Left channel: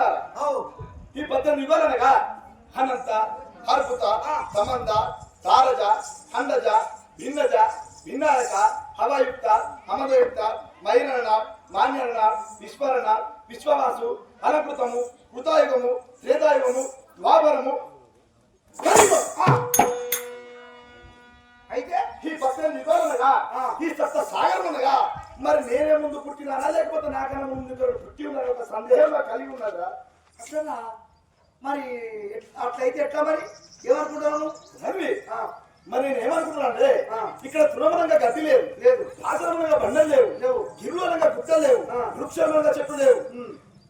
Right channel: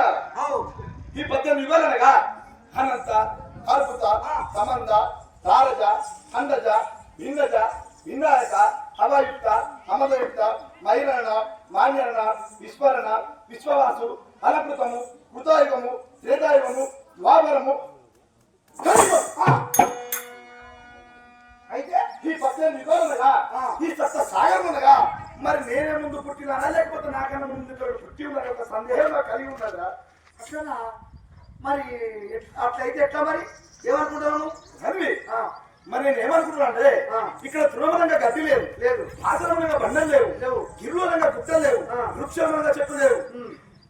ఉన్నారా ఈ పద్దెనిమిది యుగాలనగా అనంత అద్భుత సమంద తారజ ఖండజ భిన్నజ వినాయక హవాయుక్త అమదయుక్త మైరణ మాన్యరణ విస్మరణ విశ్వవాసు అలంకృతము కృతాయుగము త్రేతాయుగము ద్వాపరము! అయితే ఈ పద్దెనిమిది యుగాలనగా ఈ సప్త సాగరమునగా మరి నేనే ముందు పుట్టినానా? లేకపోతే నాకన్నా ముందు పుట్టి ఉన్నాడు ఒక సందేహం నాకు కలిగి ఉన్నదా? అట్లనా మరి అట్లయితే ఎట్లా మరి? సరే ఆ, మరి నేను ఏమనుకుంటున్నా అంటే. ఇక్కడ తృణమనంగా గడ్డి లేవు. లేదు. ఆశ్రమనంగా బండలు లేవు. లేవు. గిరువులంగా గుట్టలు లేవు. వృక్షమనంగా చెట్లు లేవు.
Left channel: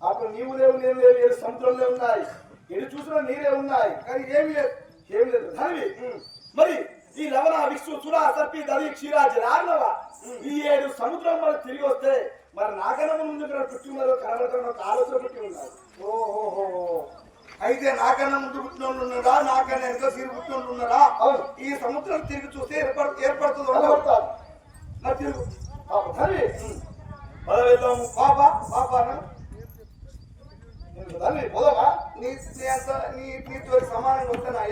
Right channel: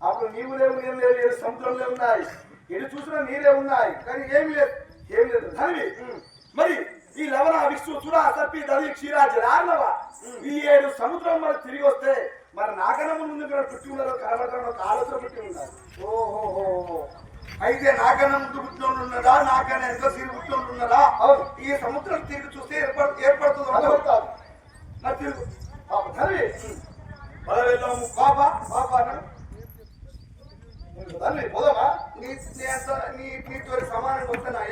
అప్పుడు నీవు లేవు నేను లేవు ఏడు సముద్రంలో ఉన్నాయి. ఎటు చూసినా నీరే ఉన్నాయి. కానీ ఏమి లేదు. ఏమి లేదు. మరి ఈ లవణ విశ్వ సురా సర్పి దది క్షీరా జలార్ణవ ఈ ఏడు సముద్రం మనకు తిరిగి వస్తే మరి నాకన్నా ముందు పుట్టి ఉన్నారో కనబడతారో ఒక ఆలోచన పుట్టి ఉన్నారు ఓహోహో. అయితే నాకన్నా ముందు పుట్టినోళ్ళు ఉన్నారా నాకన్నా వెనక తిరిగి పుట్టినోళ్ళు ఉన్నారా అవును. ఈ సముద్రం తిరిగి చూస్తే ఏర్పడు ఏర్పడుతుంది కనబడతారు మరి తిరుగు. పాపం పద బాబా అన్న, హరివి పోదామా? నీ నీ అంత నీ నీతో సమానంగా వస్తానా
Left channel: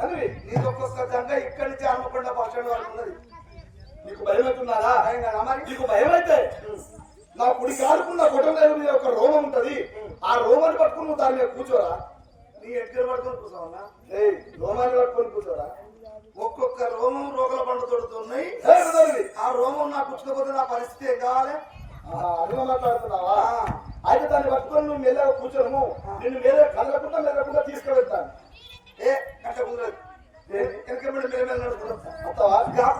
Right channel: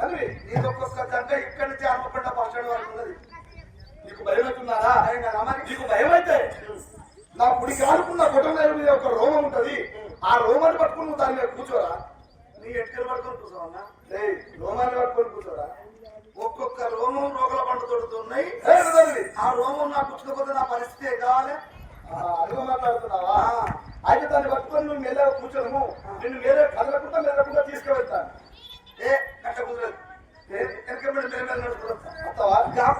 నేను హరివి నీ ఒక్కొక్క దంగ ఇక్కడి నుంచి బస్ స్టాండ్ వరకు ఉన్నది. నీకు భయం అవుతున్నారా నీకు భయం అయితే నా కుడి కాలుకున్న కుటుంబం మీద ఒక రోమం ఉంటది. ఆ రోమాన్ని పట్టుకుని నువ్వు దాని మీద కూర్చోరా? నీ ఎక్కడ పడుకొని కూర్చోవన్నా ఏయ్ రోమాన్ని పట్టుకొని కూర్చోరా? ఒక్కొక్క రోమం రోగల పండు తోడుతున్నాయి ఆ రోమం నాకు కూర్చోకపోతే నా పరిస్థితి ఏం కావాలి? అడుగు మాట్లాడుతున్నావా. అయితే దాన్ని పట్టుకొని నువ్వు మెల్లగా కూర్చోను నిన్ను వేరే కదలకుండా మెల్లకుండా తీసుకువెళ్తాను.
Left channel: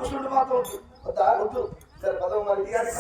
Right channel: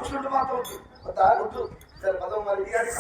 కూర్చుంటే మాత్రం దాగుతూ సరే పదం మరి. ఇక అది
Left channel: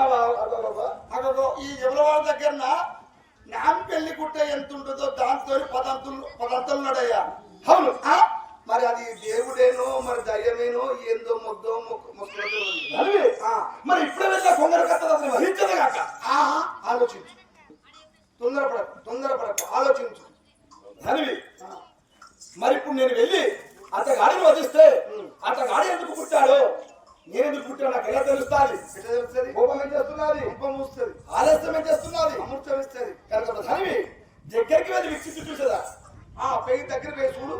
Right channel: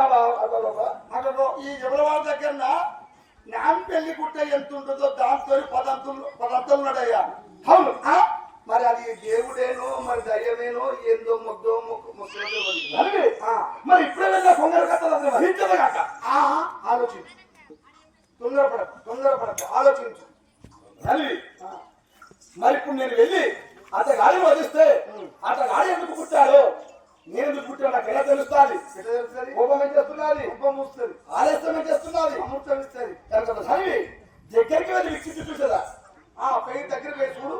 అగో ఈ ఎవరవాళ్ళ దగ్గర నాన్ పెళ్ళి గుట్ట ఎంత ఉంటుందో దాంతో పదంతులు పదంతులు ఉన్నాడయ్యా అవును ఆ? మరి అది దేవుడేనో మరి దయ్యమేనో ఏందో మొద్దో మరి ఇప్పుడే వెళ్ళా కొందరు అసలు వహించదు కాక ఆలోచించు. తొందరపడకు తొందరపడకు ఆలోచించు. ఆ, మరి ఇప్పుడు నేను వెళ్ళి అతగాడిని వదిస్తే అతగాడి నేను ఎందుకు పుట్టాడో నాకు ఎలా తెలుస్తుంది? కోపం ఏం చేస్తున్నది? ఉపం వస్తుంది. ఆలస్యం ఏం చేస్తున్నది? అమృతం ఇస్తుంది. కనుక ధనివి దగ్గరికి వెళ్ళి విక్షిప్తి చూసేదా? ఆ పెళ్ళి దగ్గర పోయి చూడు.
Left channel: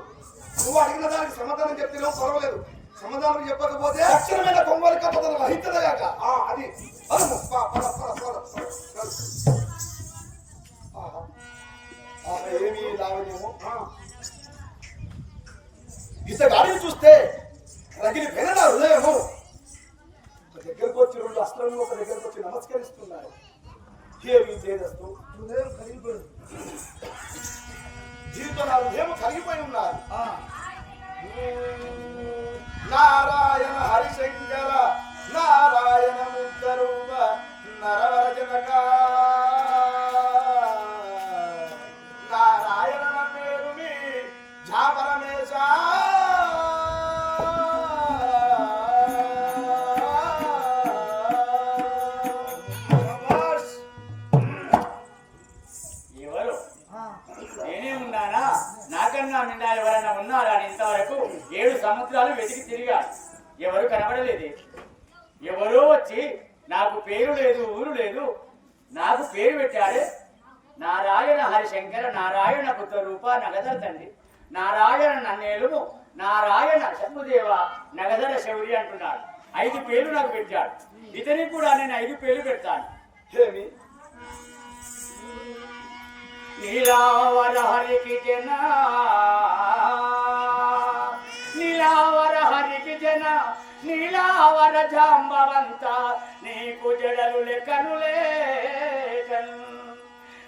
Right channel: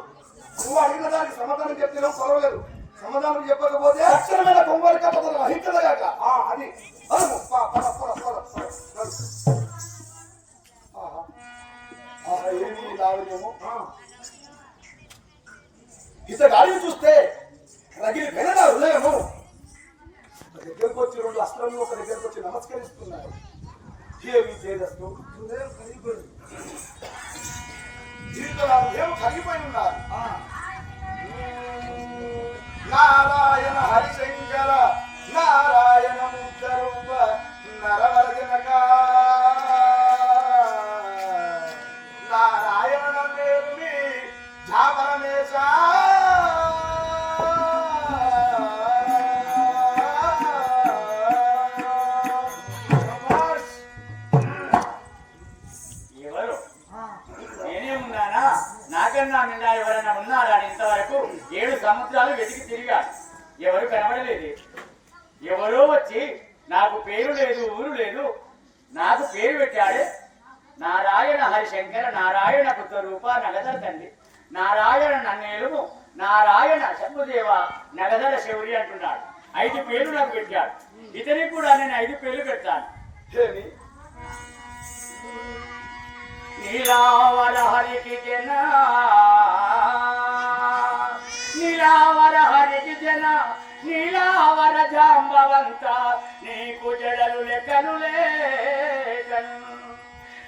నువ్వు అడిగిన దానికి సమాధానం చెప్తేనో పర్వాలేదు. సమాధానం చెప్పకపోతే తక్షణమైన కొంగోలు కథ వహించదు కాక ఆ, అది. ఏమీ లావలేము ఆ, ఇతగాడిని చూస్తే రగిలి నా హృదయము. దగ్గరకు వచ్చి రెండు అస్త్రములు ఒక దగ్గరకు వచ్చి నమస్కరిస్తున్నారు. ఏమి చేదస్తూ హృదయం కలిగిపోయింది నాకన్నా నిన్న ఎవరైనా ఉన్నారా? అని ఇంతవరకు ఏడు సముద్రాలు వెతికి తిరిగా ఎవరు కనబడలేదు. ఎవరో వచ్చి నాకు పేరు లేదు ఊరు లేదు నాకు పేరు పెట్టాడే నారాయణ హరిశంకర నారాయణ పుత్ర రూప నగదల తండ్రి నారాయణ నన్నేలుము నారాయణ శంభుదేవ నగదల శౌరి అంటున్నాడు. ఐదు పేర్లు నాకు పెట్టాడు. ఇతనికి కూడా నేను ఐదు పేర్లు పెడతాను. నీలావర హరికి జన నీలావర హరికి జన నీలావర జాంబవంత నీకు జడలు లెక్కను లేకను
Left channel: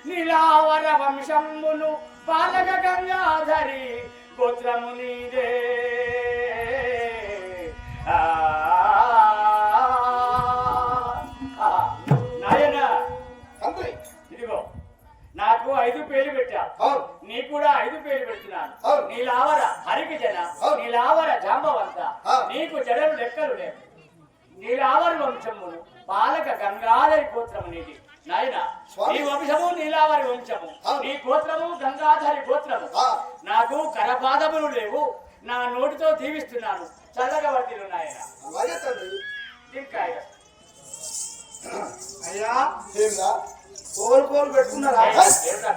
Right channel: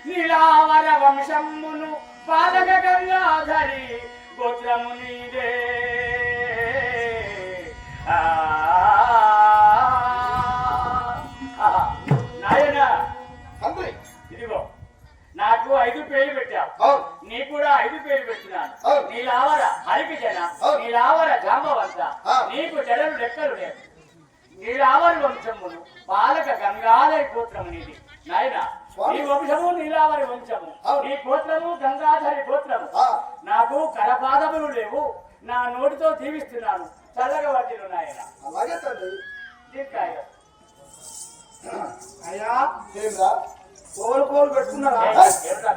నీలావర వంశమును పాలక గంగాధరి గోత్రము నీదే పెడుతున్నాను అవును. నీ లావర హరికి జన అవును. నీ లావర జాంబవంత. నీకు జడలు లెక్కలు లేవు. నీ లావరి వంశమును పాలక గంగాధరి గోత్రము నీది. నాయన. నీ వంశము నీలావరి వంశము. నీ గోత్రము గంగాధరి గోత్రము. నాకు కరపాదములు లేవు నా నోటితో దీవిస్తున్నాను. చల్లగా వర్తిలు నాయన అయ్యా కోలు కోలు పెట్టుకున్నారా?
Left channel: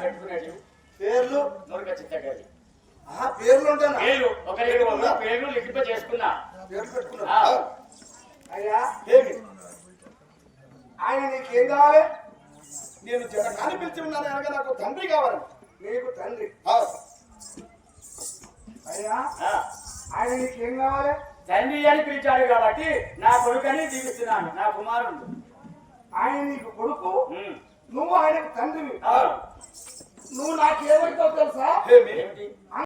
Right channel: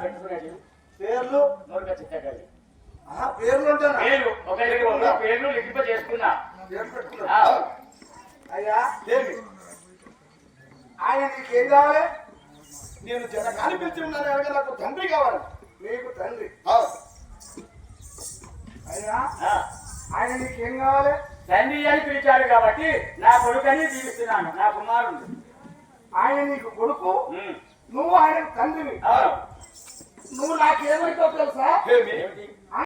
పెట్టుకునేది? పేర్లు? నోరుక చిత్తగలి ఆ పేర్లు పేర్లు ఒకరికి ఒక పేర్లు లిఖింప చేసుకున్నా. పేర్లు ఆ. పెట్టుకున్నా. అయ్యా ఏమి ఆయన నీకేం కావాలి? నేను జనకాన్ని పిలిచి ఉన్నాను అనగా నాకు తండ్రి కావాలి. నీకు తండ్రి. అయ్యా. ఆయన నీకేం కావాలి? తండ్రి అని పిలిచాడు కాబట్టి నా కొడుకని దీవిస్తున్నాను నా కుమారుడు ఆయన నీకు కొడుకు. నువ్వు ఆయనకు తండ్రివి. నువ్వు నాకేమవుతావు తెలుసా?